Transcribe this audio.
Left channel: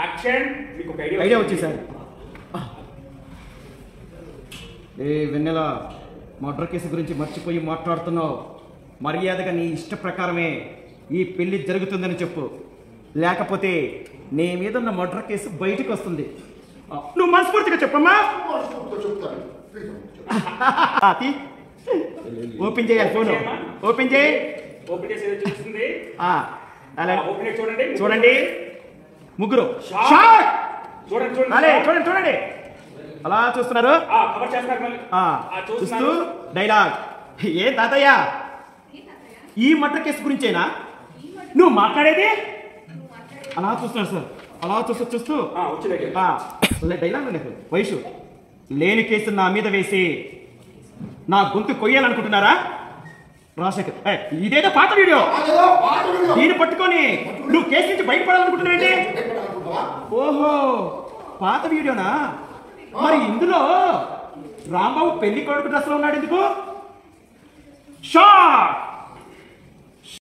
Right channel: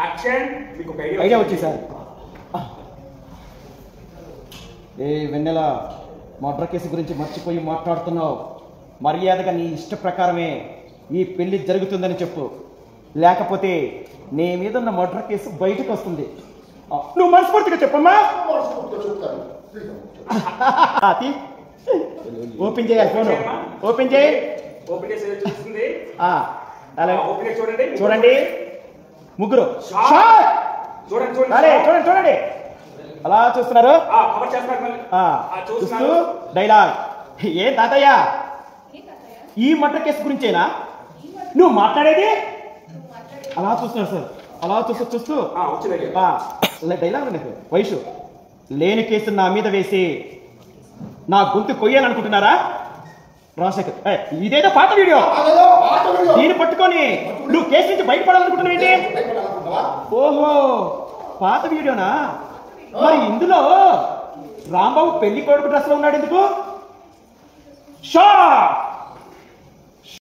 Action. మీకు ఒక idea వచ్చింది సార్. ఏ వెన్నెల, మర్డర్ కేసు గురించి మర్చిపోయి మాట్లాడుతున్నావు. మర్యాదగా నీ ఇష్ట ప్రకారమే ఈ పెళ్లి జరుగుతుందని చెప్పు, లేకపోతే నీ మీద ఉన్న మర్డర్ కేసు బయటకు వస్తుంది. నువ్వు మనస్ఫూర్తిగా చెప్పమ్మా. ఓపెన్ చేయాలి ఫోన్. ఓపెన్ చేయి. ఓపెన్ చేసి చూస్తుంది. ఓపెన్ చూడండి. చూడండి ముగ్గురు. చూడండి చూడండి చూడండి అలా చూస్తున్నారు. చూస్తూ డైలాగ్. ఏ తాతయ్య, ఈ మర్డర్ కేసు గురించేనా నువ్వు మాట్లాడేది? అలా చూస్తున్నాడు సార్. అలా చూస్తూ డైలాగ్ వయసు లేని కేసు నా మీద వేసి నా గొంతు కొయ్యాలనుకుంటున్నారా? రాజశేఖర్, ఇదేదో పాత వీడియో. దీన్ని పట్టుకొని నువ్వు కేసు నుంచి బయటపడాలనుకుంటున్నావేంటి? ఓహో, పాత వీడియోనా? మరి ఇందులో రాంబాబు పెళ్లి కొడుకు డ్రెస్ లో ఉన్నాడు ఎందుకు?